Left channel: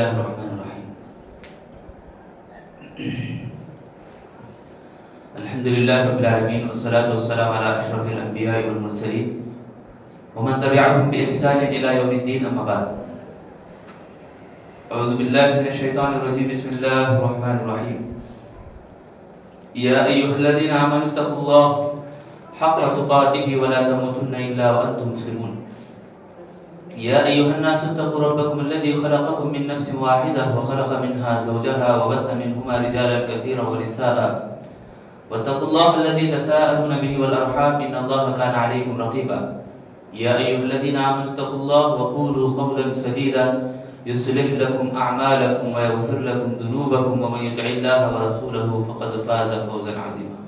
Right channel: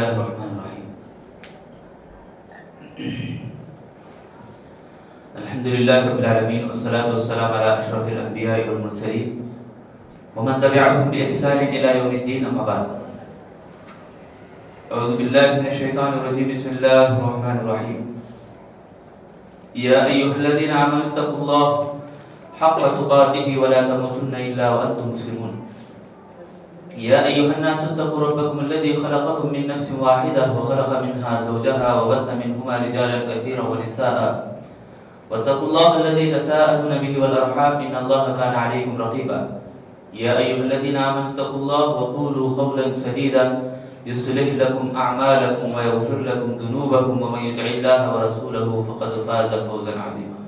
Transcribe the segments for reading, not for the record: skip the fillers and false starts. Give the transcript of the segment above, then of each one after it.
الرحمن الرحیم الحمدللہ رب العالمین والصلاة والسلام علی اشرف الانبیاء والمرسلین ومن تبعهم بإحسان الى یوم الدین اما بعد اعوذ باللہ من الشیطان الرجیم بسم اللہ الرحمن الرحیم یا ایها الذین آمنوا اتقوا اللہ حق تقاته ولا تموتن الا وانتم مسلمون يا أيها الناس اتقوا ربكم الذي خلقكم من نفس واحدة وخلق منها زوجها وبث منهما رجالا كثيرا ونساء واتقوا الله الذي تساءلون به والأرحام إن الله كان عليكم رقيبا يا أيها الذين آمنوا اتقوا الله وقولوا قولا سديدا يصلح لكم أعمالكم ويغفر لكم ذنوبكم ومن يطع الله ورسوله فقد فاز فوزا عظيما.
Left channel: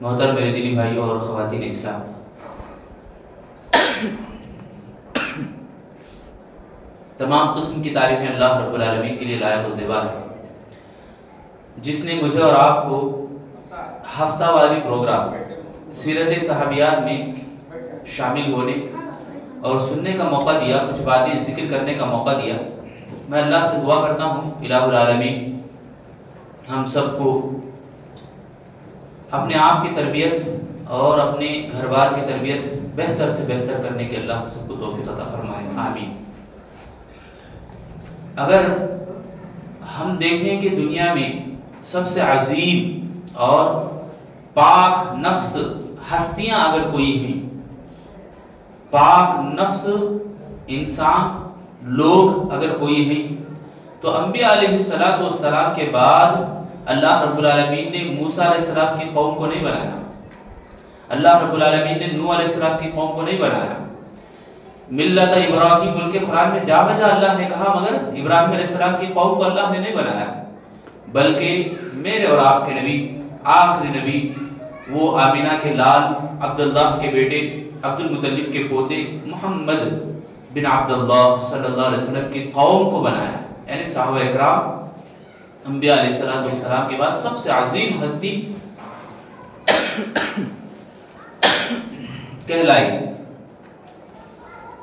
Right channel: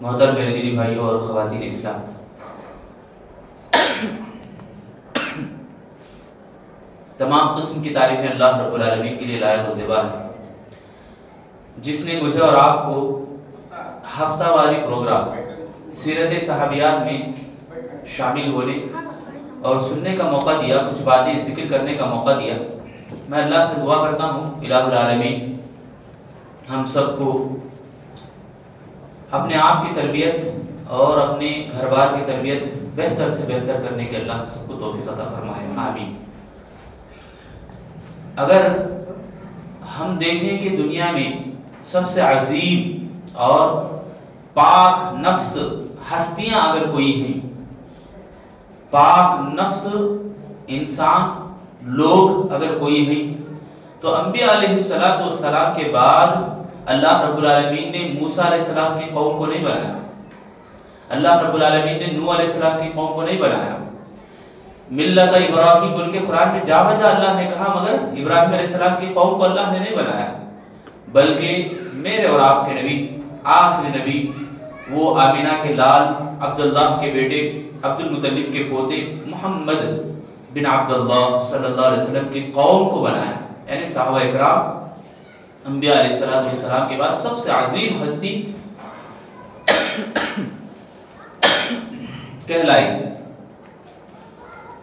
محترم میرے دینی بھائیوں اور خواتین اسلام، تمام قسم کی تعریفیں اللہ رب العالمین کے لیے لائق و زیبا ہے، جس نے مجھے اور آپ کو ہفتہ واری پروگرام سیرت صحابیات میں شامل ہونے اور سننے کا موقع دیا، کچھ باتیں ذکر کرنے کا موقع دیا. میں اللہ سے دعا کرتا ہوں الہ العالمین ہم سب کو اپنے آپ کی تربیت اور اپنے گھر بار کی تربیت بہتر سے بہتر کرنے کے اللہ سب کو توفیق عطا فرمائے، آمین. اگر ہم دیکھیں کہ دنیا میں سب سے عظیم اور پاک نفس ہستیاں اگر کوئی ہیں، پاک نفس انسان لوگ اگر کوئی ہیں، تو انبیاء علیہ السلام کے بعد اللہ رب العالمین نے موسیٰ علیہ السلام کی قوم کو نہیں بنایا، اللہ رب العالمین نے نوح علیہ السلام کی قوم کو نہیں بنایا. ملت ابراہیم بول کے قرآن میں جا بجا اللہ نے کہا، مگر ابراہیم علیہ السلام کی قوم کو اللہ نے نہیں بنایا، بلکہ میرے اور آپ کے نبی، آخری نبی، وہ آمینہ کے لال، عبداللہ کے بیٹے، عبد المطلب کے پوتے محمد بن عبداللہ صلی اللہ علیہ وسلم کی قوم کو بنایا. یعنی صحابہ اکرام انبیاء علیہ السلام کے بعد سب سے عظیم ہستی کہلائی.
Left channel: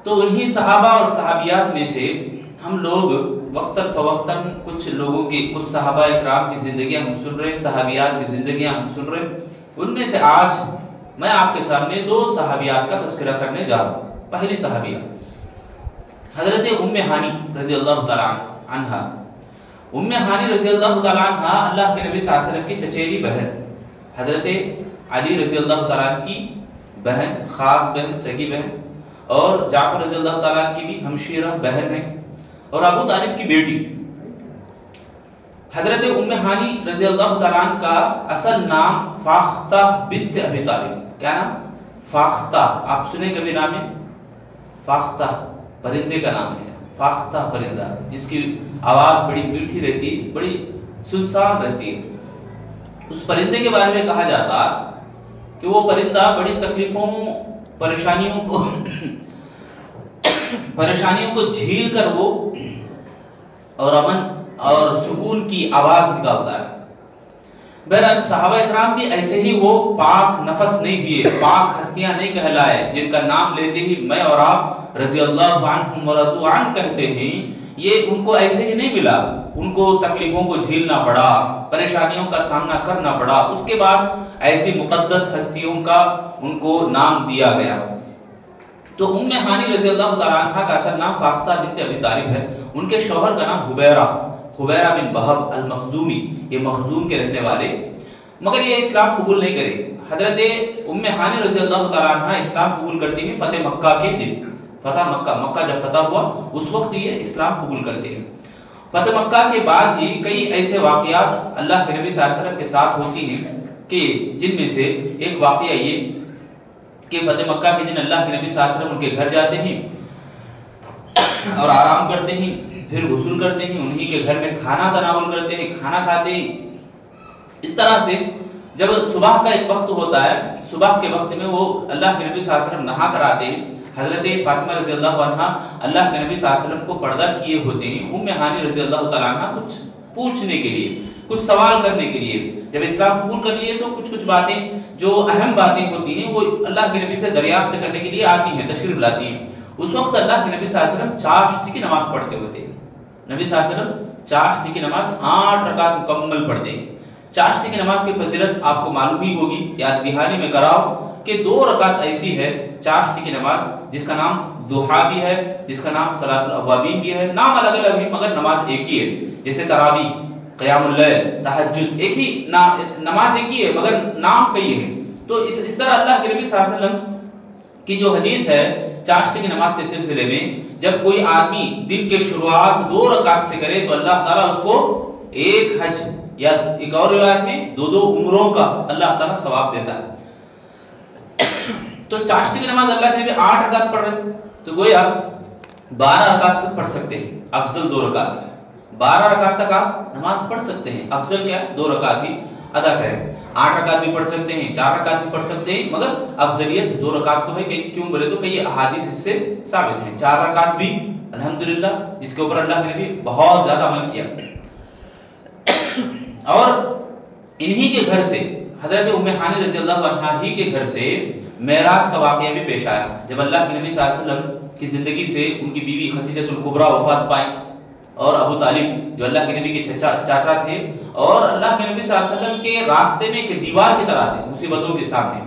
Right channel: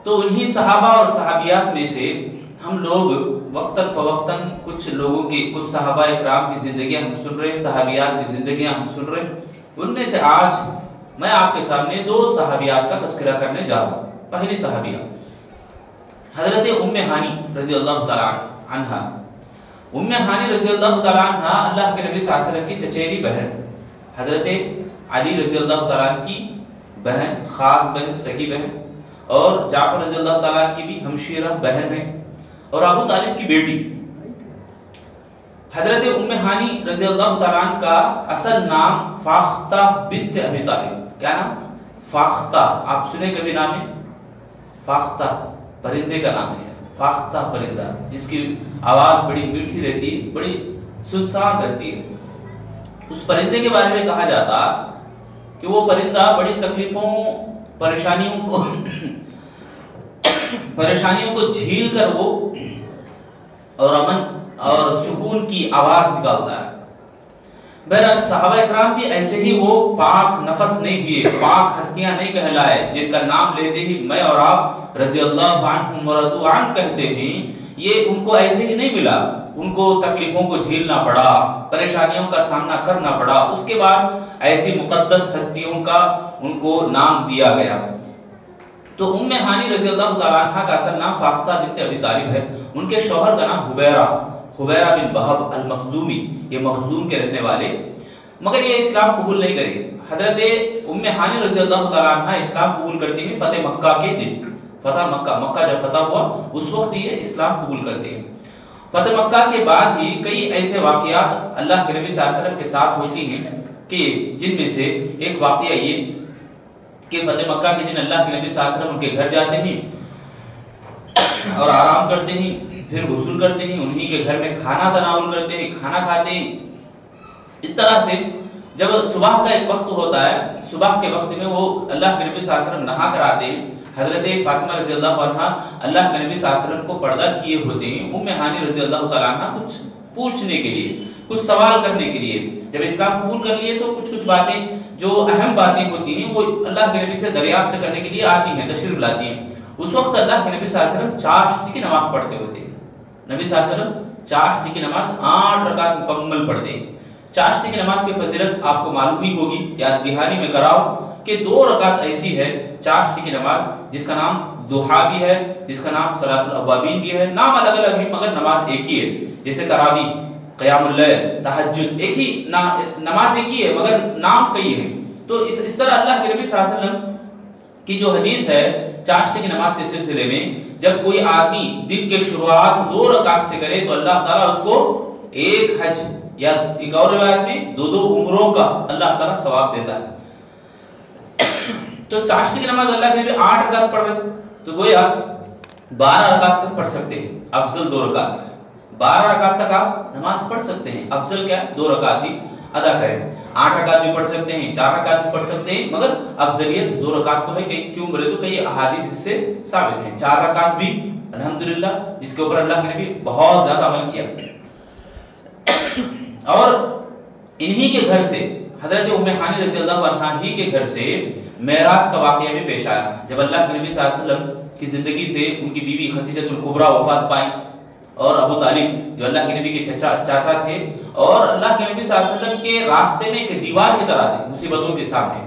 تو انہی صحابہ اور صحابیات میں سے ہم لوگ وقتاً فوقتاً کچھ لوگوں کی، کچھ صحابہ اکرام کی زندگیاں ہم سن رہے، صحابیات کی زندگیاں ہم سن رہے. ان میں سے آج میں آپ کے سامنے دو صحابیات کا تذکرہ کرنے جا رہا ہوں. پہلی صحابیہ حضرت ام ہانی رضی اللہ تعالی عنہا. ام ہانی رضی اللہ تعالی عنہا اللہ کے نبی صلی اللہ علیہ وسلم کی چچیری بہن، حضرت علی رضی اللہ تعالی عنہ کی بہن، خاص بہن، سگی بہن، اور جعفر رضی اللہ تعالیٰ کی بھی ہمشیرہ بہن ہے، اور ابو طالب کی بیٹی. حضرت ام ہانی رضی اللہ تعالیٰ عنہ کا اصل نام فاختہ بنت ابی طالب. کیا نام؟ فاختہ. آپ سنے کبھی نام ہے؟ فاختہ پرندے کا نام ہے، فاختہ پرندہ، جس کی آواز بڑی میٹھی رہتی، بڑی سنسان رہتی ہے. اس پرندے کے بارے میں کہا جاتا کہ وہ پرندہ بڑی تکلیفوں، پریشانیوں کو جھیل کر وہ اور امن اور سکون کی آواز نکالتا ہے. بہرحال صحابہ اکرام بھی ایسے ہی وہ پاک نفس نہیں ہوئے، پاک ہستیاں نہیں کہلائے، جن کا نام لیتے ہی میں اور آپ رضی اللہ عنہم ورضوا عنہ کہتے ہیں. یہ ان کو ایسے ہی نہیں ملا، ان کو تکلیفوں کو جھیلنا پڑا، پریشانیوں کا سامنا کرنا پڑا. اس کے بعد ایسی مقدس ہستیوں کا ان کو نام دیا گیا. تو ام ہانی رضی اللہ تعالیٰ عنہ کا اصل نام فاختہ بنت ابی طالب ہے. ان کے شوہر کا نام حبیرہ بن وہب المخزومی، یہ مخزوم کے رہنے والے، مگر یہ اسلام قبول نہیں کرے. حضرت ام ہانی رضی اللہ تعالیٰ عنہ اسلام قبول کرتے ہیں فتح مکہ کے دن. فتح مکہ جب فتح ہوا اس وقت یہ اسلام قبول کرتے ہیں. فتح مکہ کے بعد ہی کئی ایسے واقعات اللہ کے نبی صلی اللہ علیہ وسلم کے ساتھ ہوتی ہیں کہ جن میں سے ایک واقعہ یہ کہ فتح مکہ کے دن اللہ کے نبی صلی اللہ علیہ وسلم ان کے گھر جاتے ہیں اور آرام کرتے ہیں، پھر غسل کرتے ہیں، انہی کے گھر میں کھانا تناول کرتے ہیں، کھانا کھاتے ہیں. اس طرح سے جب صبح کا ایک وقت ہوتا ہے، صبح کے وقت میں وہ اللہ کے نبی صلی اللہ علیہ وسلم نہا کر آتے ہیں. حضرت فاطمہ رضی اللہ عنہ اللہ کے نبی صلی اللہ علیہ وسلم کو پردہ کیے ہوتے ہیں. ام ہانی رضی اللہ تعالیٰ عنہ کچھ پوچھنے کے لیے، کچھ سوال کرنے کے لیے، جب اسلام قبول کر لیے تو کچھ باتیں جو اہم باتیں ہوتی ہیں وہ اللہ کے نبی سے دریافت کرنے کے لیے آتی ہیں، تشریف لاتی ہیں. اس وقت اللہ کے نبی صلی اللہ علیہ وسلم چاشتی کی نماز پڑھتے ہوتے ہیں. نبی صلی اللہ علیہ وسلم چاشتی کی نماز 8 رکعت مکمل پڑھتے ہیں. چاشتی کی نماز کی فضیلت آپ کو معلوم ہی ہوگی, یاد دہانی میں کراؤ کہ 2 رکعت ایسی ہے چاشتی کی نماز جس کا نام ضحیٰ بھی ہے, جس کا نام صلاۃ الاوابین بھی ہے. نام الگ الگ ہے مگر نماز ایک ہی ہے. جیسے تراویح, قیام اللیل, تہجد, ایک ہی نماز ایک ہی ہے مگر نام کئی ہیں. تو اس طرح اللہ کے نبی صلی اللہ علیہ وسلم کی جو حدیث ہے چاشتی کی نماز کے سلسلے میں, جب کوئی آدمی دن کے شروعات 2 رکعت سے کرے تو اللہ تعالیٰ اس کو ایک حج یا ایک اور روایت میں 2 عمروں کا اللہ تعالیٰ ثواب دیتا ہے. تو چاشتی کی نماز اللہ کے نبی 8 رکعت پڑھ رہے تو گویا 12 رکعت سے پڑھ سکتے ہیں. افضل 2 رکعت, 12 رکعت تک آپ نماز پڑھ سکتے ہیں. افضل کیا ہے, 2 رکعت بھی ادا کریں. 8 رکعت بھی پڑھ سکتے ہیں, 4 رکعت بھی پڑھ سکتے ہیں, مگر افضلیت 2 رکعت تو ہے. کہ کیوں بولے تو کئی احادیث اس سے ثابت ہیں. 4 رکعت بھی الحمدللہ جس کے اوپر اللہ کے نبی بہت زیادہ عمل کیا. اور انہی کے گھر سے حضرت ام ہانی رضی اللہ عنہا ہی کے گھر سے معراج کا واقعہ بھی پیش آیا. جب اللہ کے نبی صلی اللہ علیہ وسلم کی زندگی سے ان کی بیوی خدیجہ الکبریٰ وفات پائیں اور ابو طالب جو اللہ کے نبی کے چاچا تھے اور اللہ کے نبی صلی اللہ علیہ وسلم کے راستے میں ایک دیوار کی طرح تھے مصیبتوں کے سامنے.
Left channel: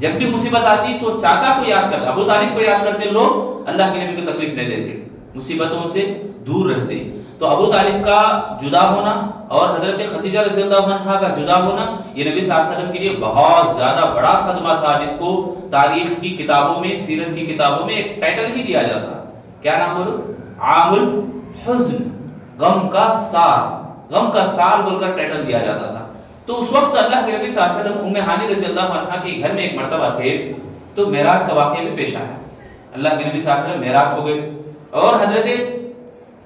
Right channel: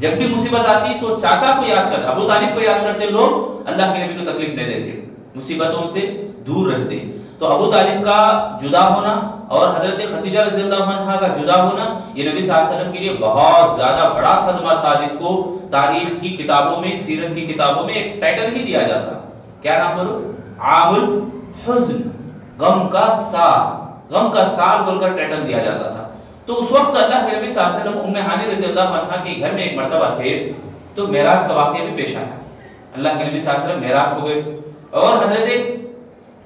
جب بھی مصیبت آتی تو چاچا کو یاد کرتے, ابو طالب کو یاد کرتے لوگ, اللہ کے نبی کو تکلیف نہیں دیتے, مصیبتوں سے دور رہتے. تو ابو طالب کا جدا ہونا اور حضرت خدیجہ رضی اللہ عنہا کا جدا ہونا یہ نبی صلی اللہ علیہ وسلم کے لیے بہت زیادہ بڑا صدمہ تھا, جس کو تاریخ کی کتابوں میں, سیرت کی کتابوں میں ایک ٹائٹل ہی دیا جاتا. کیا نام بولو, عام الحزن, غم کا سال, غم کا سال بول کر ٹائٹل دیا جاتا تھا. تو اس وقت اللہ کے نبی صلی اللہ علیہ وسلم ام ہانی رضی اللہ عنہا کے گھر میں ایک مرتبہ تھے تو معراج کا واقعہ بھی پیش آیا. اللہ کے نبی صلی اللہ علیہ وسلم معراج ہو گئے اور حضرت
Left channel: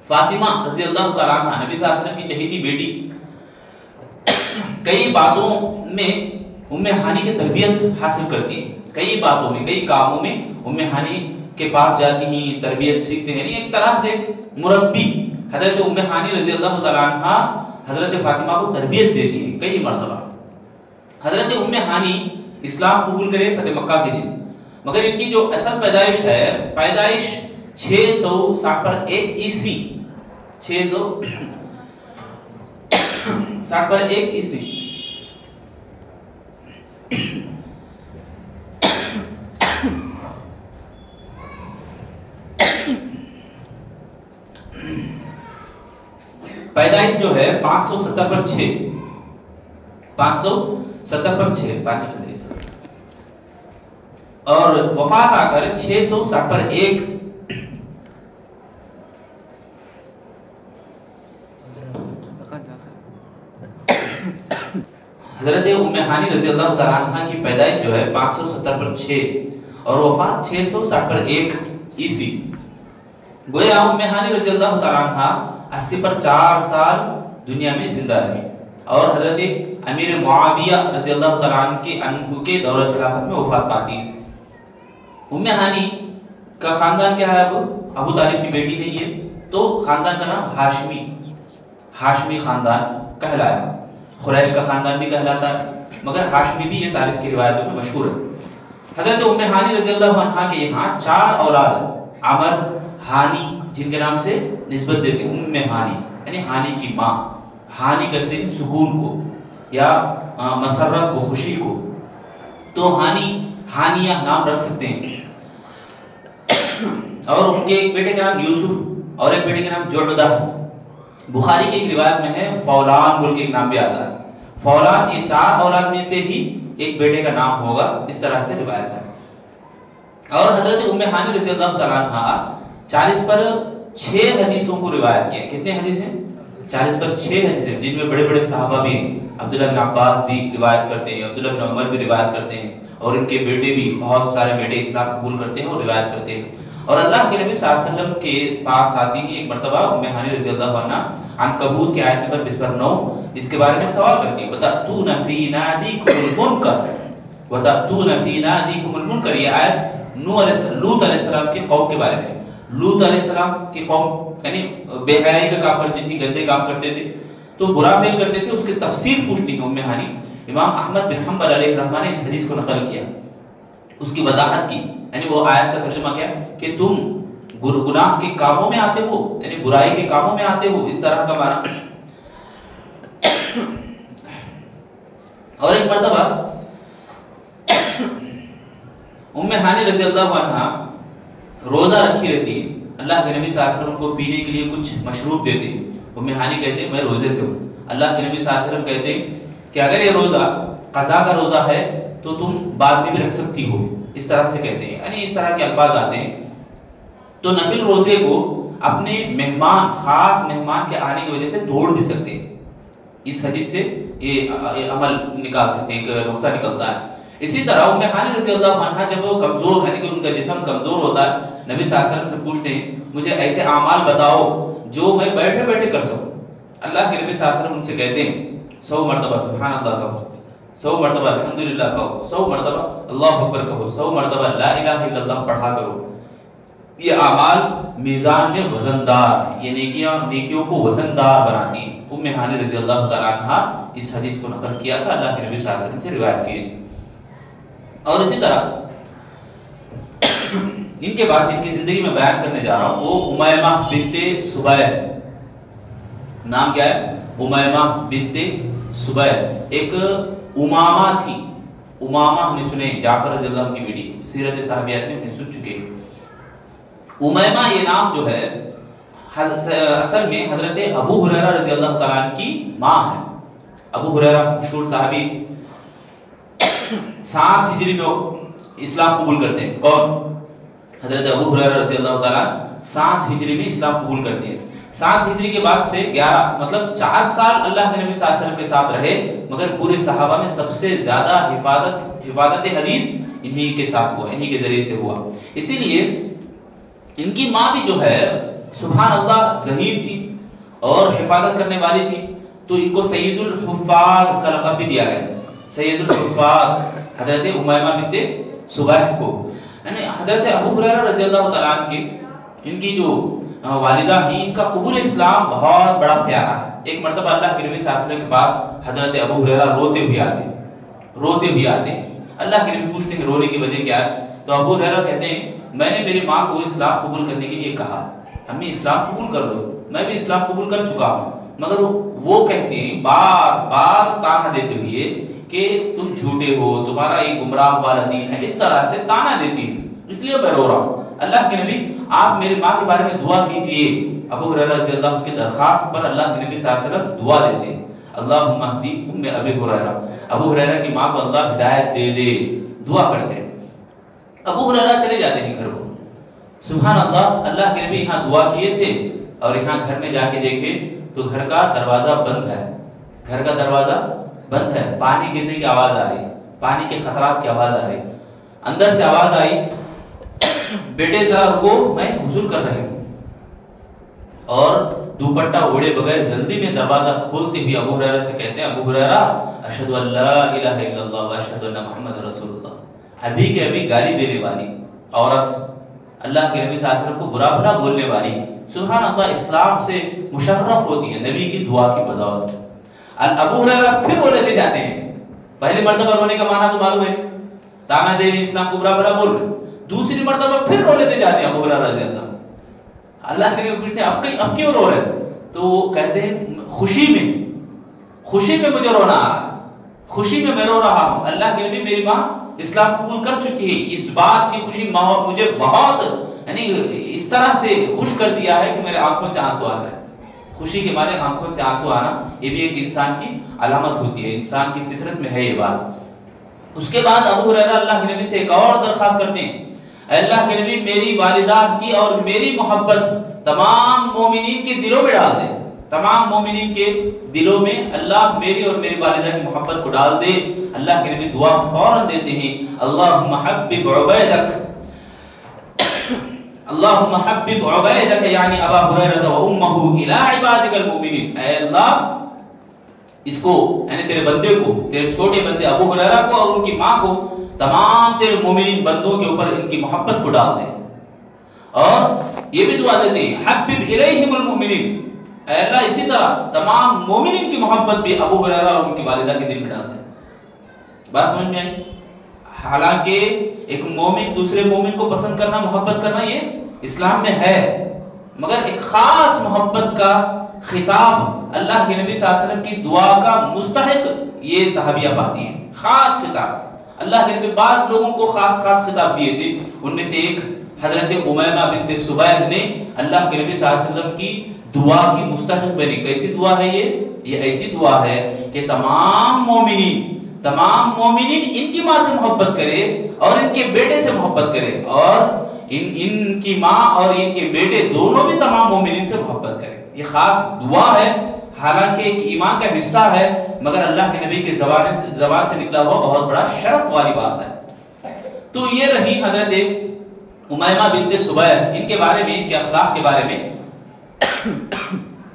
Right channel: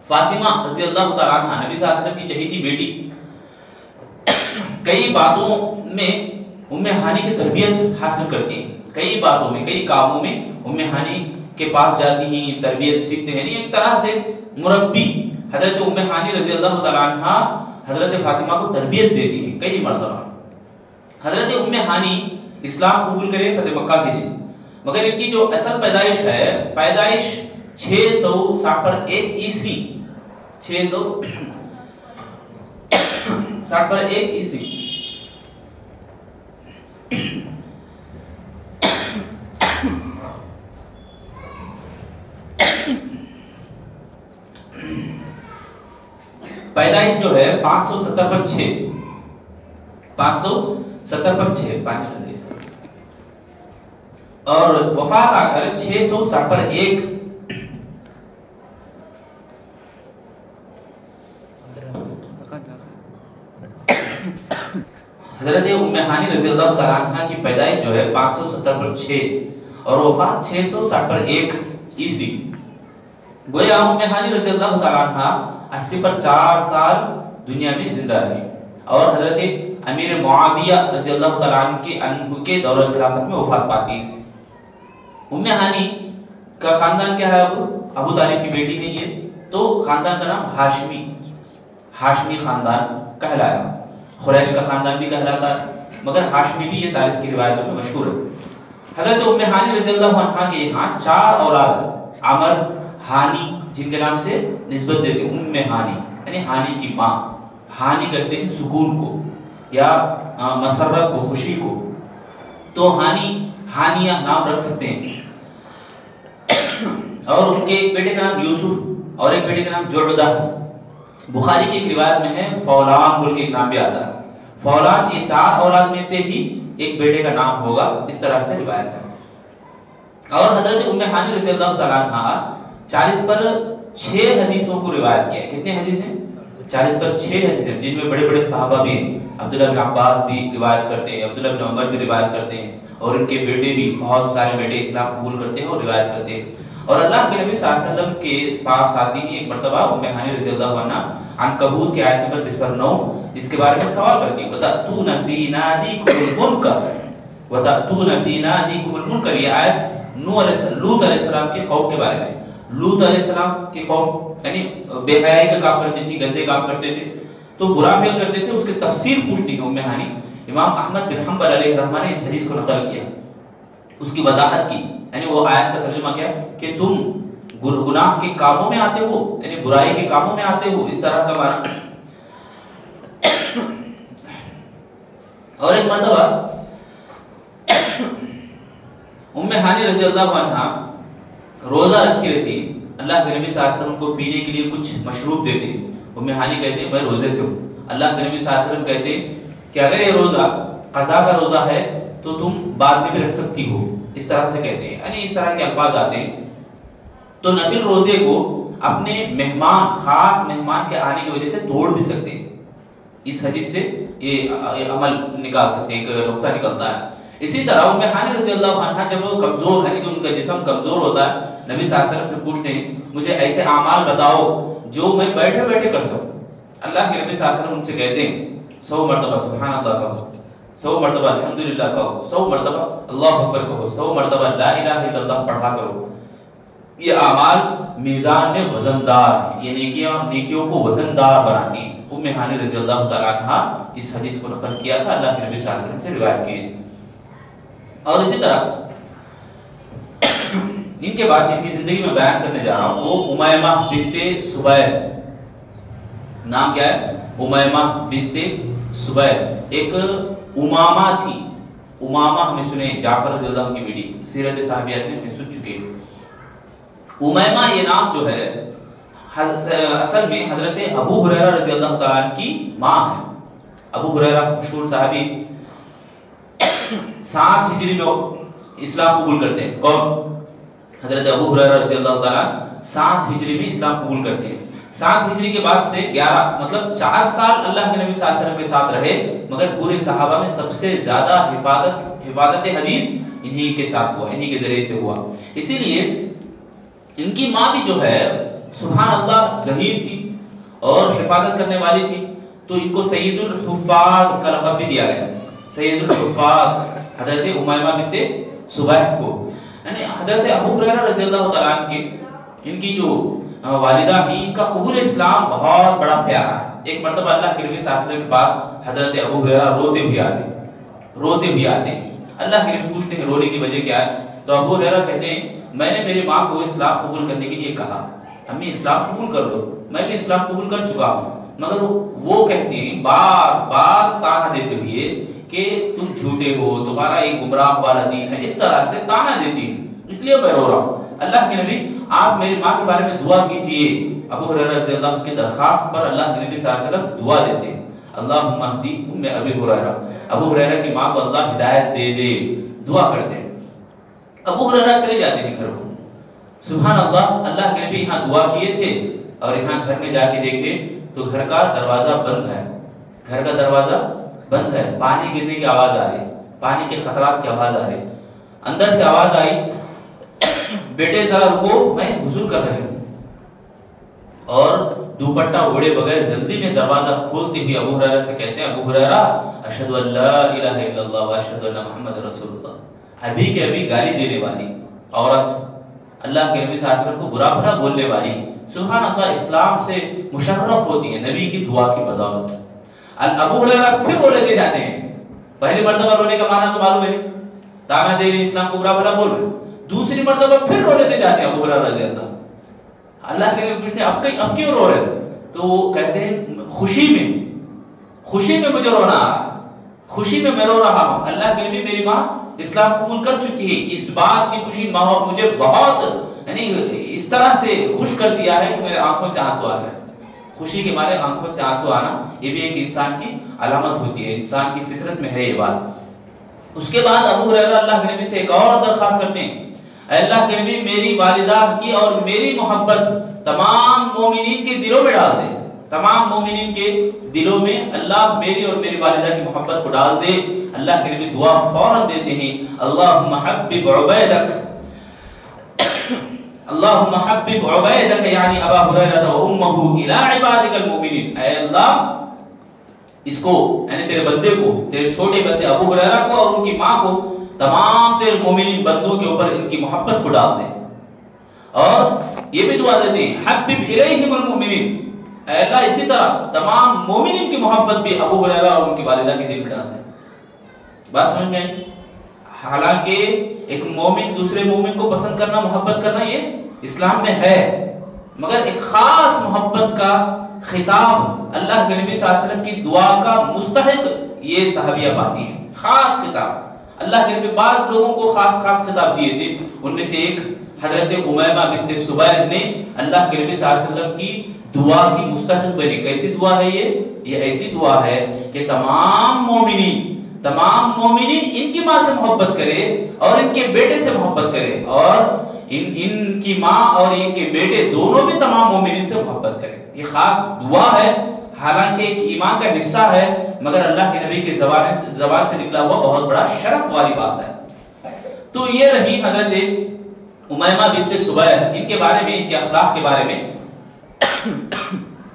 فاطمہ رضی اللہ تعالیٰ عنہ نبی صلی اللہ علیہ وسلم کی چہیتی بیٹی کئی باتوں میں ام ہانی کی تربیت حاصل کرتی ہیں. کئی باتوں میں, کئی کاموں میں ام ہانی کے پاس جاتی ہیں, تربیت سیکھتے ہیں. ایک طرح سے مربی حضرت ام ہانی رضی اللہ تعالیٰ عنہ حضرت فاطمہ کو تربیت دیتی ہیں کئی مرتبہ. حضرت ام ہانی اسلام قبول کرے فتح مکہ کے دن, مگر ان کی جو اصل پیدائش ہے, پیدائش 660 پر 1 عیسوی, 660 پر 1 عیسوی. پیدائش جو ہے 570 پر 6, 570 پر 6 پانی کا دیش, اور وفات آ کر 660 پر 1. حضرت ام ہانی رضی اللہ تعالیٰ عنہ کی پیدائش جو ہے 570 پر 6 اور وفات 660 پر 1 عیسوی. گویا ام ہانی رضی اللہ تعالیٰ عنہ 80 پر 4 سال دنیا میں زندہ رہی اور حضرت امیر معاویہ رضی اللہ تعالیٰ عنہ کے دور خلافت میں وفات پاتی. ام ہانی کا خاندان کیا ہے, ابو طالب کی بیٹی ہے یہ, تو خاندان کا نام ہاشمی خاندان کہلایا. قریش کا خاندان بھی کہلاتا ہے مگر ہاشمی بھی یہ تاریخ کی روایتوں میں مشہور ہے. حضرت ام ہانی رضی اللہ عنہا کے یہاں 4 اولاد, عمر, ہانی جن کے نام سے نسبت دیتے ہیں, ام ہانی یعنی ہانی کی ماں. ہانی کہتے ہیں سکون کو یا مسرت کو, خوشی کو, تو ہانیہ نام رکھ سکتے ہیں. اور ان کے ایک بیٹے کا نام یوسف اور ایک بیٹے کا نام جعدہ. بخاری کی ایک روایت میں ہے فولان بول کے ایک نام بھی آتا ہے. فولان یہ 4 اولاد میں سے ہی ایک بیٹے کا نام ہوگا, اس طرح سے روایت ہے. اور حضرت ام ہانی رضی اللہ تعالیٰ عنہ 40 پر 6 حدیثوں کو روایت کیا. کتنے حدیث ہیں, 40 پر 6 حدیث, جن میں بڑے بڑے صحابہ بھی ہیں. عبداللہ بن عباس بھی روایت کرتے ہیں, عبداللہ بن عمر بھی روایت کرتے ہیں, اور ان کے بیٹے بھی, بہت سارے بیٹے اسلام قبول کرتے ہیں اور روایت کرتے ہیں. اور اللہ کے نبی صلی اللہ علیہ وسلم کے پاس آتی ہی ایک مرتبہ ام ہانی رضی اللہ عنہ عنکبوت کی آیت نمبر 20 پر 9 اس کے بارے میں سوال کرتی ہے, وَتَأْتُونَ فِي نَادِيكُمُ الْمُنْكَرَ, وَتَأْتُونَ فِي نَادِيكُمُ الْمُنْكَرَ. یہ آیت لوط علیہ السلام کی قوم کے بارے میں. لوط علیہ السلام کی قوم یعنی بے حیائی کا کام کرتی تھی, گندے کام کرتے تھے, تو برا فعل کرتے تھے. اس کی تفسیر پوچھتی ہے ام ہانی. امام احمد بن حنبل علیہ الرحمہ نے اس حدیث کو نقل کیا, اس کی وضاحت کی, یعنی وہ آیت کا ترجمہ کیا کہ تم گناہ کے کاموں میں آتے ہو، یعنی برائی کے کاموں میں آتے ہو، اس طرح کا معنی۔ اور ایک مرتبہ ام ہانی رضی اللہ عنہا روزہ رکھی رہتی، اللہ کے نبی صلی اللہ علیہ وسلم کو پینے کے لیے کچھ مشروب دیتے، ام ہانی کہتے میں روزے سے ہوں، اللہ کے نبی صلی اللہ علیہ وسلم کہتے کہ اگر یہ روزہ قضا کا روزہ ہے تو تم بعد میں بھی رکھ سکتی ہو، اس طرح سے کہتے ہیں، یعنی اس طرح کے الفاظ آتے ہیں۔ تو نفل روزے کو اپنے مہمان، خاص مہمان کے آنے کی وجہ سے توڑ بھی سکتے ہیں، اس حدیث سے یہ عمل نکال سکتے ہیں، ایک نقطہ نکلتا ہے۔ اسی طرح ام ہانی رضی اللہ عنہا جب وہ کمزور، یعنی کہ ان کا جسم کمزور ہوتا ہے، نبی صلی اللہ علیہ وسلم سے پوچھتے ہیں مجھے ایسے اعمال بتاؤ جو میں بیٹھے بیٹھے کر سکوں، اللہ کے نبی صلی اللہ علیہ وسلم ان سے کہتے ہیں 100 مرتبہ سبحان اللہ کہو، 100 مرتبہ الحمدللہ کہو، 100 مرتبہ اللہ اکبر کہو، 100 مرتبہ لا الہ الا اللہ پڑھا کرو۔ یہ اعمال میزان میں وزندار ہیں، یہ نیکیوں کو وزندار بناتی ہیں۔ ام ہانی رضی اللہ تعالی عنہ اس حدیث کو نقل کیا تھا، اللہ کے نبی صلی اللہ علیہ وسلم سے روایت کی۔ اور اسی طرح ان کے بعد جن کی زندگی میں بیان کرنے جا رہا ہوں وہ امیمہ بنت سبیع، نام کیا ہے؟ امیمہ بنت سبیع، ایک امامہ تھی۔ امامہ ہم نے سنے جعفر رضی اللہ عنہ کی ویڈیو سیرت صحابیات میں سن چکے۔ امیمہ یہ نام جو ہے اصل میں حضرت ابو ہریرہ رضی اللہ تعالیٰ عنہ کی ماں ہے۔ ابو ہریرہ مشہور صحابی 7 ہجری میں اسلام قبول کرتے ہیں۔ کون؟ حضرت ابو ہریرہ رضی اللہ تعالیٰ 7 ہجری میں اسلام قبول کرتے ہیں۔ 7 ہجری کے بعد سے 11 مطلب 4 سال اللہ کے نبی صلی اللہ علیہ وسلم کے ساتھ رہے، مگر پورے صحابہ میں سب سے زیادہ حفاظت حدیث انہی کے ساتھ ہوا، انہی کے ذریعے سے ہوا۔ اسی لیے ان کی ماں بھی جو ہے سبحان اللہ ذہین تھی اور حفاظت کرنے والی تھی، تو ان کو سید الحفاظ کا لقب بھی دیا گیا، سید الحفاظ حضرت امیمہ بنت سبیع کو۔ یعنی حضرت ابو ہریرہ رضی اللہ تعالیٰ عنہ کی ان کی جو والدہ ہیں، ان کا قبول اسلام بہت بڑا پیارا ہے۔ ایک مرتبہ اللہ کے نبی صلی اللہ علیہ وسلم کے پاس حضرت ابو ہریرہ روتے بھی آتے ہیں۔ اللہ کے نبی پوچھتے ہیں رونے کی وجہ کیا ہے؟ تو ابو ہریرہ کہتے ہیں میں نے میری ماں کو اسلام قبول کرنے کے لیے کہا، امی اسلام قبول کر دو، میں بھی اسلام قبول کر چکا ہوں، مگر وہ کہتے ہیں بار بار تانا دیتے ہوئے کہ تم جھوٹے ہو، تمہارا ایک گمراہ والا دین ہے، اس طرح سے تانا دیتی ہوں، اس لیے میں رو رہا ہوں۔ اللہ کے نبی آپ میری ماں کے بارے میں دعا کیجئے۔ ابو ہریرہ رضی اللہ عنہ کی درخواست پر اللہ کے نبی صلی اللہ علیہ وسلم دعا دیتے ہیں، اللہم اہدی ام ابی ہریرہ، ابو ہریرہ کی ماں کو اللہ ہدایت دے دے، دعا کرتے ہیں۔ ابو ہریرہ چلے جاتے ہیں گھر کو، سبحان اللہ، اللہ کے نبی یہاں دعا کیے تھے اور یہاں گھر میں جا کے دیکھے تو گھر کا دروازہ بند ہے، گھر کا دروازہ بند ہے، پانی گرنے کی آواز آ رہی، پانی کے خطرات کی آواز آ رہی، اندر سے آواز آئی بیٹے ذرا رکو میں غسل کر رہی ہوں، اور دوپٹہ اوڑے بغیر جلدی میں دروازہ کھولتے ہوئے ابو ہریرہ سے کہتے ہیں ابو ہریرہ اشہد ان لا الہ الا اللہ واشہد ان محمد رسول اللہ۔ ابھی کے ابھی گالی دینے والی عورت، اللہ کے نبی صلی اللہ علیہ وسلم کو برا بھلا بولنے والی، سبحان اللہ اسلام سے مشرف ہوتی ہے نبی کی دعا کی بدولت۔ ابو ہریرہ پھر رو لیتے جاتے ہیں، پہلی مرتبہ رونے کا معنی تو معلوم ہے، تانا دے رہے اسلام کو برا بھلا بول رہے، دوسری مرتبہ پھر رو لیتے جاتے ہیں ابو ہریرہ رضی اللہ کے نبی پوچھتے ہیں اب کیوں رو رہے؟ تو وہ کہتے ہیں خوشی میں مجھے رونا آ رہا، خوشی میں رو رہا ہوں، اللہ کے نبی میری ماں اسلام قبول کر چکی ہے، اس بات کی خوشی مجھے بہت یعنی اس طرح سے خوش کر دیا ہے کہ میرے آنکھوں سے آنسو آ رہے ہیں۔ خوشی کے مارے آنکھوں سے آنسو آنا یہ بھی ایک انسان کی علامت ہوتی ہے، انسان کی فطرت میں ہے یہ بات۔ اس کے بعد ابو ہریرہ اللہ کے نبی سے ایک اور درخواست کرتے ہیں، اے اللہ کے نبی میری والدہ کی اور میری محبت تمام مومنین کے دلوں میں ڈال دے، تمام مومنین کے دلوں میں اللہ میری اور میری والدہ کی محبت کو ڈال دے۔ اللہ کے نبی دعا فوراً دیتے ہیں، اللہم حبب عبیدک، اللہم حبب عبیدک یعنی ابا ہریرہ و امہ الی عبادک المؤمنین، اے اللہ اس کو یعنی تیرے بندے کو، تیرے چھوٹے بندے ابو ہریرہ کو اور ان کی ماں کو تمام تیرے مومنین بندوں کے اوپر ان کی محبت کو ڈال دے۔ اور یہ بھی دعا دیتے ہیں حبب الیہم المؤمنین، اے اللہ اسی طرح تمام مومنین کی محبت بھی ابو ہریرہ اور ان کی والدہ کے دل میں ڈال دے۔ بات سمجھ میں؟ حالانکہ ایک مومن دوسرے مومن کو پسند کرنا، محبت کرنا یہ اسلام میں ہے، مگر ایک خاص محبت کا خطاب اللہ کے نبی صلی اللہ علیہ وسلم کی دعا کا مستحق یہ صحابیہ پاتی ہیں، خاص خطاب۔ اللہ کے نبی بعض لوگوں کو خاص خطاب دیے تھے، ان میں سے ایک حضرت امیمہ بنت سبیح نے اللہ کے نبی صلی اللہ علیہ وسلم کی دعا کی مستحق بنی۔ کیسی دعا ہے یہ ایسی دعا ہے کہ تمام مومنین ان کی ماں سے محبت کرے اور ان کے بیٹے سے محبت کرے، اور ان کی ماں اور ان کے بیٹے دونوں بھی تمام مومنین سے محبت کرے۔ یہ خاص دعا ہے، حالانکہ ایک ایمان کا حصہ ہے، مگر اللہ کے نبی کے زبان سے نکلا ہوا بہت بڑا شرف والی بات ہے۔ تو یہ رہی حضرت امیمہ بنت سبیح، ان کے بارے میں، ان کے اخلاق کے بارے میں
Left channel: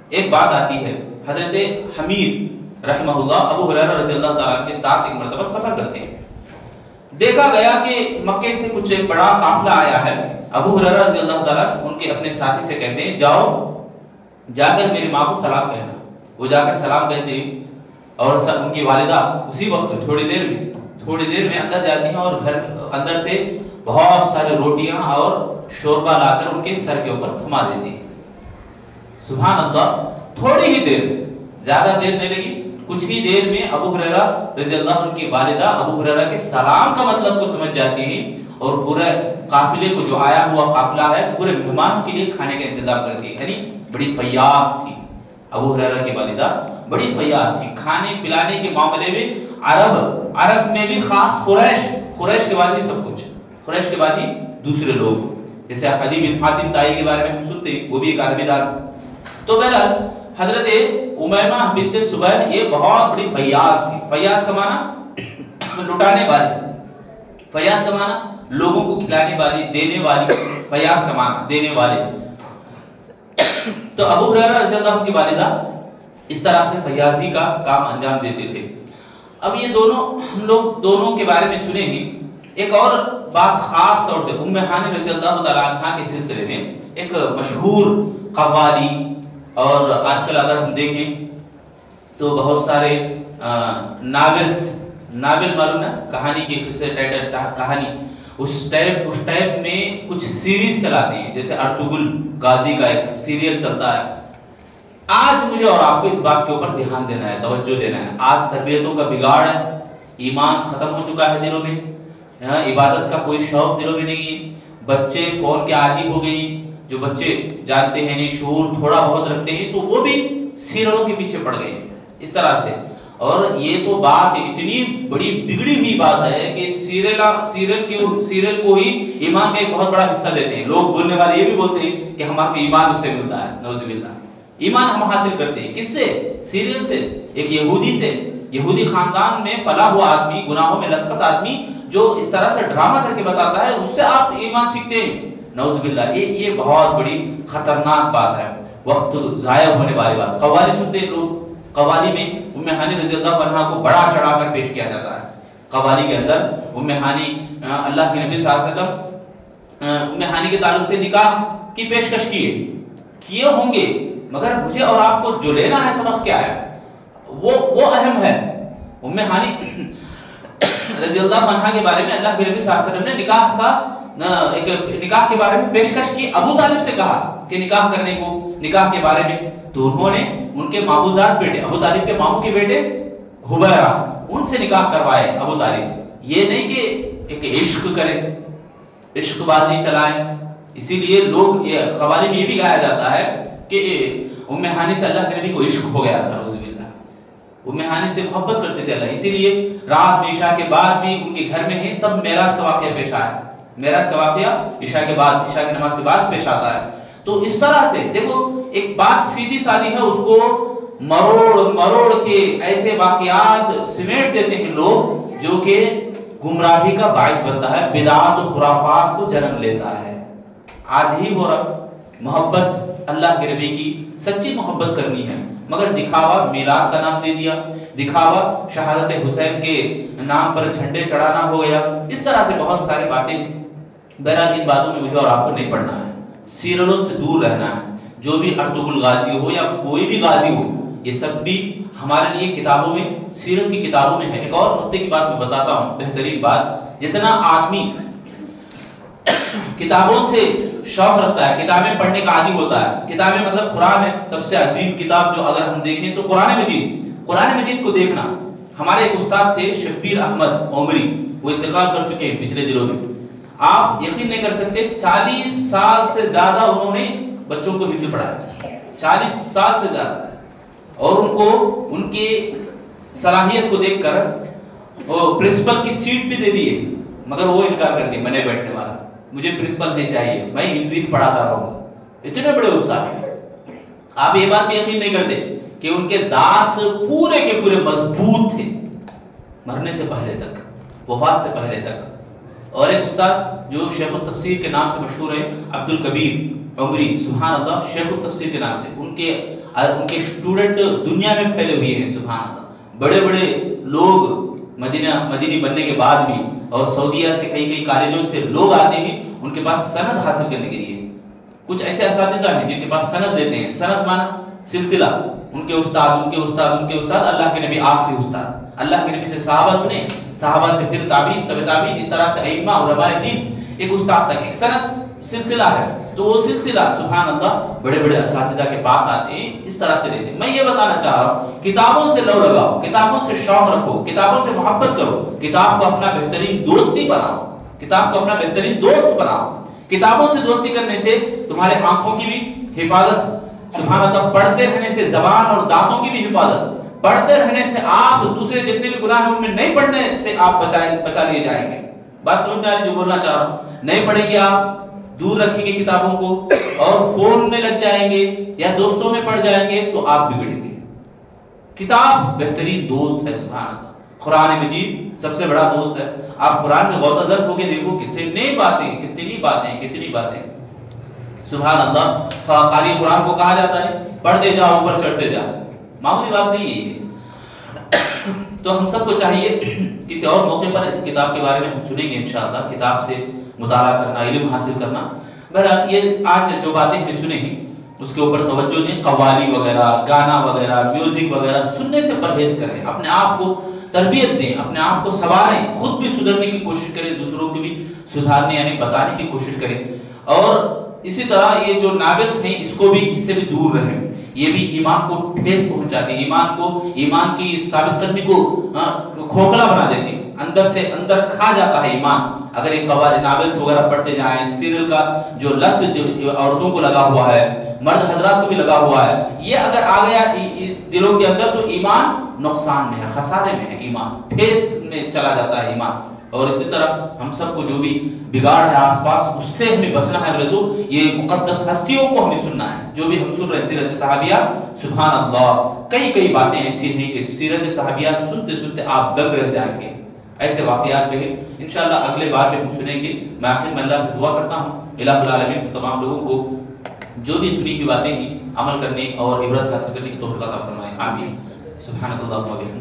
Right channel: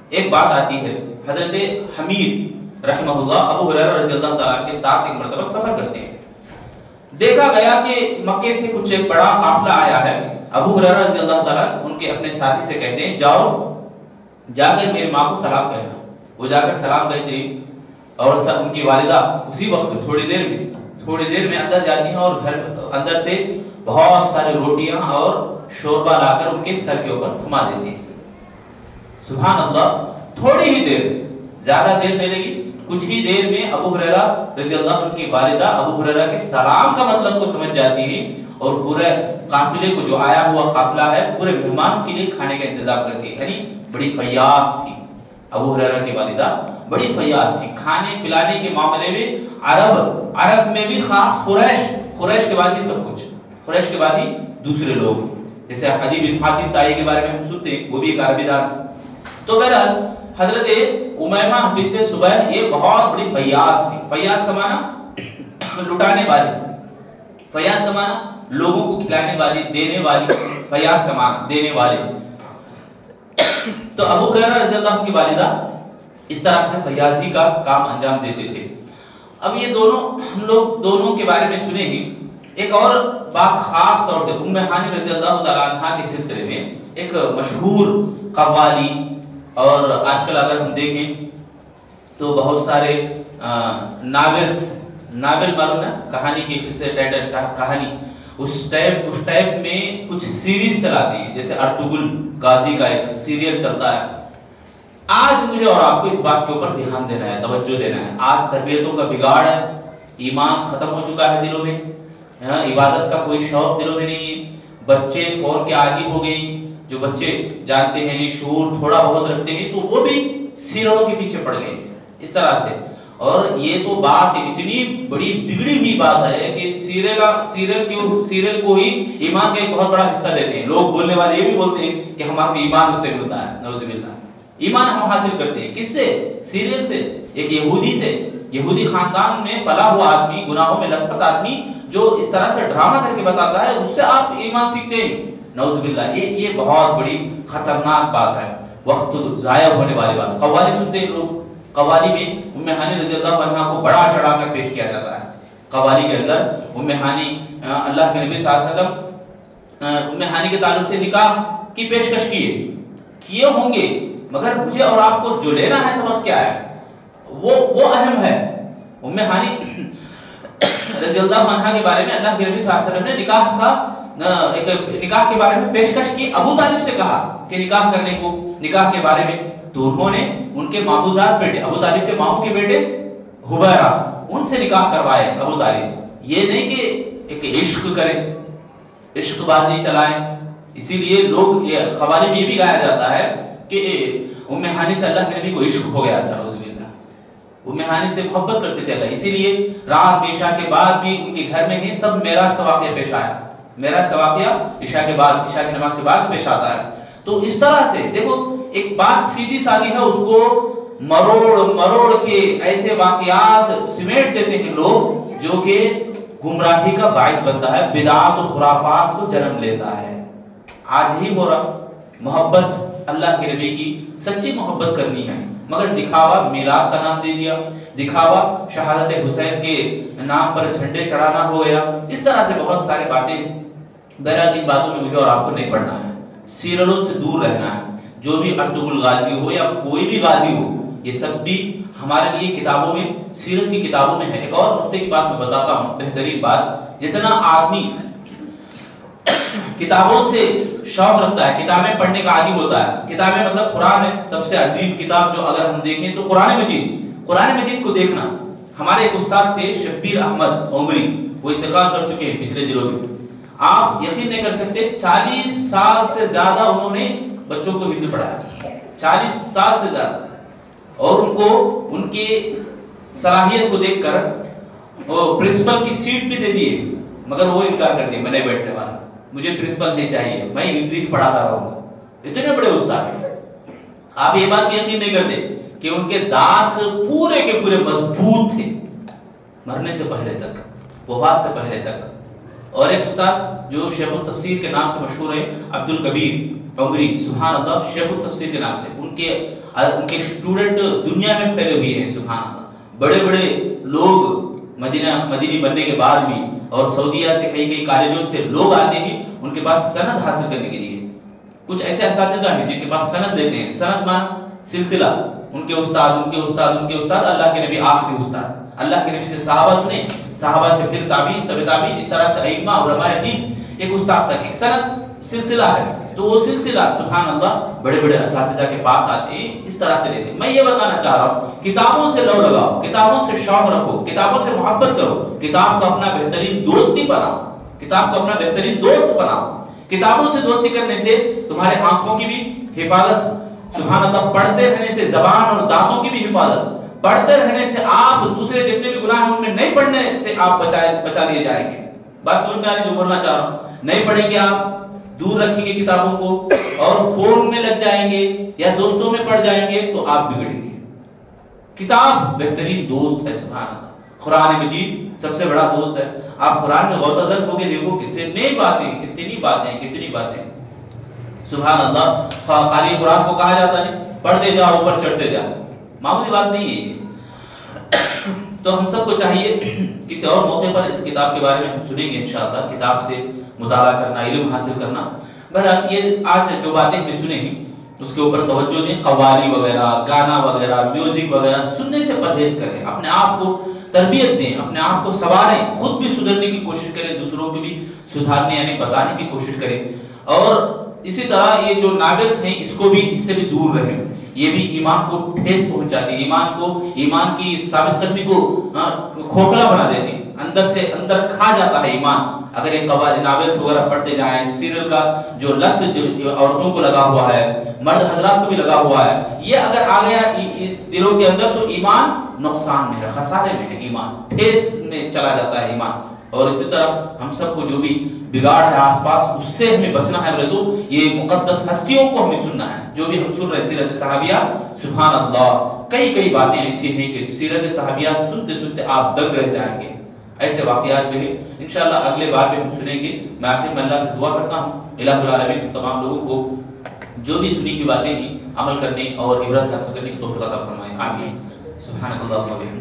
ایک بات آتی ہے۔ حضرت حمید رحمہ اللہ ابو ہریرہ رضی اللہ تعالیٰ کے ساتھ ایک مرتبہ سفر کرتے ہیں۔ دیکھا گیا کہ مکے سے کچھ ایک بڑا قافلہ آیا ہے۔ ابو ہریرہ رضی اللہ تعالیٰ ان کے اپنے ساتھی سے کہتے ہیں جاؤ جا کر میری ماں کو سلام کہنا۔ وہ جا کر سلام کہتے ہیں اور ان کی والدہ اسی وقت تھوڑی دیر میں اندر جاتی ہیں اور گھر اندر سے بہت ساری روٹیاں اور شوربہ لا کر ان کے سر کے اوپر تھما دیتی ہیں۔ سبحان اللہ، تھوڑی ہی دیر، زیادہ دیر نہیں لگی، کچھ ہی دیر میں ابو ہریرہ رضی اللہ عنہ کی والدہ ابو ہریرہ کے سلام کا مطلب کو سمجھ جاتی ہیں اور پورے قافلے کو، جو آیا ہوا قافلہ ہے، پورے مہمانوں کے لیے کھانے کا انتظام کرتی ہے۔ یعنی بڑی فیاض تھی ابو ہریرہ کی والدہ، بڑی فیاض تھی کھانے پلانے کے معاملے میں۔ عرب میں بھی خاص قریش کے بعد ہی سب کچھ، قریش کے بعد ہی دوسرے لوگ، جیسے عدی بن حاتم طائی کے بارے میں ہم سنتے ہیں، وہ بھی ایک عربی دار۔ تو بہرحال حضرت امیمہ بنت سبیح یہ بہت بڑی فیاض تھی۔ فیاض کا معنی لٹانے والی، فیاض کا معنی لوگوں کو کھلانے والی، دینے والی، فیاض کا معنی دینے والے۔ تو ابو ہریرہ رضی اللہ عنہ کی والدہ اس طرح سے فیاضی کا کام انجام دیتے تھے۔ اب یہ ہم لوگ دونوں کے بارے میں سنے ہی، ایک اور بات خاص طور سے ام ہانی رضی اللہ تعالیٰ عنہ کے سلسلے میں، ایک مشہور قوالی، اور آج کل اگر ہم دیکھیں تو بہت سارے ناول معلوم ہے، کہانی کی کہانی، اس ٹائپ میں کچھ سیریز چلاتی ہے، جیسے ارطغرل غازی کا ایک سیریل چلتا ہے۔ آج مجھے اور آپ کو اس بات کے اوپر دھیان دینا ہے، توجہ دینا ہے۔ آج تربیتوں کا بگاڑ ہے، ایمان ختم ہو چکا ہے دلوں میں، عبادت کا کوئی شوق دلوں میں نہیں ہے، بچے فون کے عادی ہو گئی۔ جو بچے جانتے ہیں نہیں، شعور تھوڑا بہت رکھتے ہیں، تو وہ بھی سیریلوں کے پیچھے پڑ گئے اس طرح سے۔ اور یہ تو بات اتنی بڑی بگڑی ہوئی بات ہے کہ سیریل کو ہی ایمان کا ایک بہت بڑا حصہ دیتے ہیں۔ لوگ بولنے والے یہ بھی بولتے ہیں کہ ہمارا ایمان اس سے ملتا ہے، نعوذ باللہ۔ ایمان ہم حاصل کرتے ہیں کس سے؟ سیریل سے، ایک یہودی سے، یہودی خاندان میں پلا ہوا آدمی، گناہوں میں لت پت آدمی جو اس طرح سے ڈرامہ کر کے بتاتا ہے، اس سے آپ ایمان سیکھتے ہیں، نعوذ باللہ۔ یہ بہت بڑی خطرناک بات ہے، وقت ضائع ہونے والی بات۔ قوالی سنتے ہیں لوگ، قوالی میں ام ہانی رضی اللہ عنہ کو بڑا چڑھا کر پیش کیا جاتا ہے۔ قوالی کے اندر ام ہانی، اللہ کے نبی صلی اللہ علیہ وسلم ام ہانی کے تعلق سے نکاح کی پیشکش کیے ہوں گے، مگر مجھے اور آپ کو جو لینا ہے سبق کیا ہے، وہ اہم ہے۔ ام ہانی رضی اللہ عنہ کے بارے میں اللہ کے نبی صلی اللہ علیہ وسلم نے نکاح کے بارے میں پیشکش کی، ابو طالب سے کہا کہ نکاح کرنے کو، نکاح کے بارے میں، تو انہوں نے ان کے ماموزاد بیٹے، ابو طالب کے ماموں کے بیٹے حبیرہ، ان سے نکاح کروائے ابو طالب۔ یہ نہیں کہ ایک عشق کرے، عشق بازی چلائیں۔ اسی لیے لوگ، یہ قوالی میں یہ بھی گایا جاتا ہے کہ ام ہانی سے اللہ کے نبی کو عشق ہو گیا تھا، نعوذ باللہ۔ ام ہانی سے محبت کرتے تھے اللہ، اسی لیے رات میں عشاء کے بعد بھی ان کے گھر میں ہیں، تب معراج کا واقعہ پیش آیا۔ معراج کا واقعہ عشاء کے بعد، عشاء کی نماز کے بعد پیش آتا ہے۔ تو اس طرح سے دیکھو، ایک بات سیدھی سادی ہے، اس کو مروڑ کے ایسے واقعات سمیٹ دیتے ہیں لوگ، جو کہ گمراہی کا باعث بنتا ہے، بدعات و خرافات کو جنم لیتا ہے۔ آج ہی ہو رہا، محبت اللہ کے نبی کی سچی محبت کرنی ہے، مگر دکھاوا میلاد کا نام دے دیا، دکھاوا شہادت حسین کے نام پر جھنڈے چڑھانا ہو گیا، اس طرح سے بہت ساری باتیں۔ بہرحال ان باتوں میں مجھے اور آپ کو نہیں پڑھنا ہے، سیریلوں سے دور رہنا ہے۔ جو بھی ارطغرل غازی ہو یا کوئی بھی غازی ہو، یہ سب بھی ہمارے لیے کتابوں میں، سیرت کی کتابوں میں ہے۔ ایک اور نقطے کی بات میں بتاتا ہوں، بہترین بات، جتنا آدمی کتابوں سے شوق رکھتا ہے، کتابیں پڑھنے کا عادی ہوتا ہے. کتابیں مطلب قرآن ہے سب سے عظیم کتاب جو اگر ہم دیکھیں تو قرآن مجید کو دیکھنا. ہمارے ایک استاد تھے شبیر احمد عمری، وہ انتقال کر چکے ہیں پچھلے دنوں میں. آپ یقین نہیں کر سکتے 40 سال سے زیادہ انہوں نے بچوں کو مجید پڑھایا، 40 سال سے زیادہ. اور ان کو ان کی صلاحیت کو دیکھ کر وہ پرنسپل کی سیٹ بھی دے دیے، مگر وہ انکار کر دیا، میں نہیں بیٹھنے والا، مجھے پرنسپل نہیں چاہیے، میں ہندی پڑھاتا رہوں گا. اتنے بڑے استاد. آپ یہ بات بھی یقین نہیں کرتے کہ ان کے دانت پورے کے پورے مضبوط تھے مرنے سے پہلے تک، وفات سے پہلے تک. اور ایک استاد جو شیخ التفسیر کے نام سے مشہور ہے عبد الکبیر عمری، سبحان اللہ، شیخ التفسیر کے نام سے. ان کے اسٹوڈنٹ دنیا میں پھیلے ہوئے ہیں، سبحان اللہ. بڑے بڑے لوگ مدینی بننے کے بعد بھی، اور سعودیہ سے کئی کالجوں سے لوگ آتے ہیں ان کے پاس سند حاصل کرنے کے لیے. کچھ ایسے اساتذہ ہیں جن کے پاس سند لیتے ہیں. سند مانا سلسلہ، ان کے استاد، اللہ کے نبی آخری استاد، اللہ کے نبی سے صحابہ سنے، صحابہ سے پھر تابعین، تبع تابعین، اس طرح سے ائمہ علماء دین، ایک استاد تک ایک سند سلسلہ ہے. تو وہ سلسلہ سبحان اللہ بڑے بڑے اساتذہ کے پاس آتے ہیں، اس طرح سے لیتے ہیں. میں یہ بتانا چاہ رہا ہوں کتابوں سے لو لگاؤ، کتابوں سے شوق رکھو، کتابوں سے محبت کرو، کتاب کو اپنا بہترین دوستی بناؤ، کتاب کو اپنا بہترین دوست بناؤ. کتابوں سے دوستی کرنے سے تمہارے آنکھوں کی بھی حفاظت، سبحان اللہ، پڑھتے رہنے سے زبان اور دانتوں کی بھی حفاظت، پڑھتے رہنے سے آپ دوسرے جتنے بھی گناہ ہیں ان میں نہیں پڑھنے سے آپ بچا لیے جائیں گے. بس سمجھ میں آ رہی جو بولنا چاہ رہا ہوں. نہیں پڑھیں گے آپ، دور رکھیں گے کتابوں کو اور فون میں لگ جائیں گے یا دوستوں میں پڑھ جائیں گے تو آپ بگڑیں گے. کتاب بہترین دوست ہے، سبحان اللہ. قرآن مجید سب سے بڑا دوست ہے. آپ قرآن میں غوطہ زر ہو کے دیکھو کتنی باتیں سبحان اللہ. خالی قرآن کو کہا جاتا ہے پڑھتے جاؤ اوپر چڑھتے جاؤ، معمولی بات نہیں ہے یہ. تو ہم سب کو چاہیے کسی اور موقع پر اس کتاب کے بارے میں ہم سنیں گے انشاءاللہ، کتاب سے مطالعہ کرنا، علم حاصل کرنا. بہرحال یہ آج جو باتیں ہم نے سنے ہیں اس کے اوپر توجہ دیں. قوالی وغیرہ، گانا وغیرہ، میوزک وغیرہ سننے سے پرہیز کریں. اپنے آپ کو تربیت دیں، اپنے آپ کو سنواریں، خود بھی سدھرنے کی کوشش کریں، دوسروں کو بھی سدھارنے یعنی بتانے کی کوشش کریں. اور اسی طرح یہ جو ناویلز ہیں اس سے بھی دور رہیں. یہ بھی ایمان کو ٹھیس پہنچاتے ہیں، ایمان کی ثابت قدمی کو کھوکھلا بنا دیتے ہیں. اندر سے اندر کھا جاتا ہے ایمان. اگر ایک ناولز وغیرہ پڑھتے جائیں، سیریل کا جو لت عورتوں کو لگا ہوا ہے، مرد حضرات کو بھی لگا ہوا ہے، یہ اگر آ گیا دلوں کے اندر تو ایمان نقصان میں ہے، خسارے میں ہے، ایمان ٹھیس میں چلا جاتا ہے ایمان. اور اسی طرح ہم سب کو جو بھی بگاڑ ہے آس پاس اس سے ہمیں بچنا ہے. بولے تو یہ مقدس ہستیوں کو ہمیں سننا ہے. جو بھی ہم سن رہے سیرت صحابیہ، سبحان اللہ، کئی باتیں ایسی ہیں کہ سیرت صحابیہ سنتے سنتے آپ دنگ رہ جائیں گے. ایسے واقعات بھی ہیں انشاءاللہ اگلے بار میں ہم سنیں گے. میں آخر میں اللہ سے دعا کرتا ہوں الہ العالمین تمام لوگوں کو جو بھی سنی کی باتیں ہیں عمل کرنے اور عبرت حاصل کرنے کی توفیق عطا فرمائے. آمین. سبحان اللہ و بحمدہ.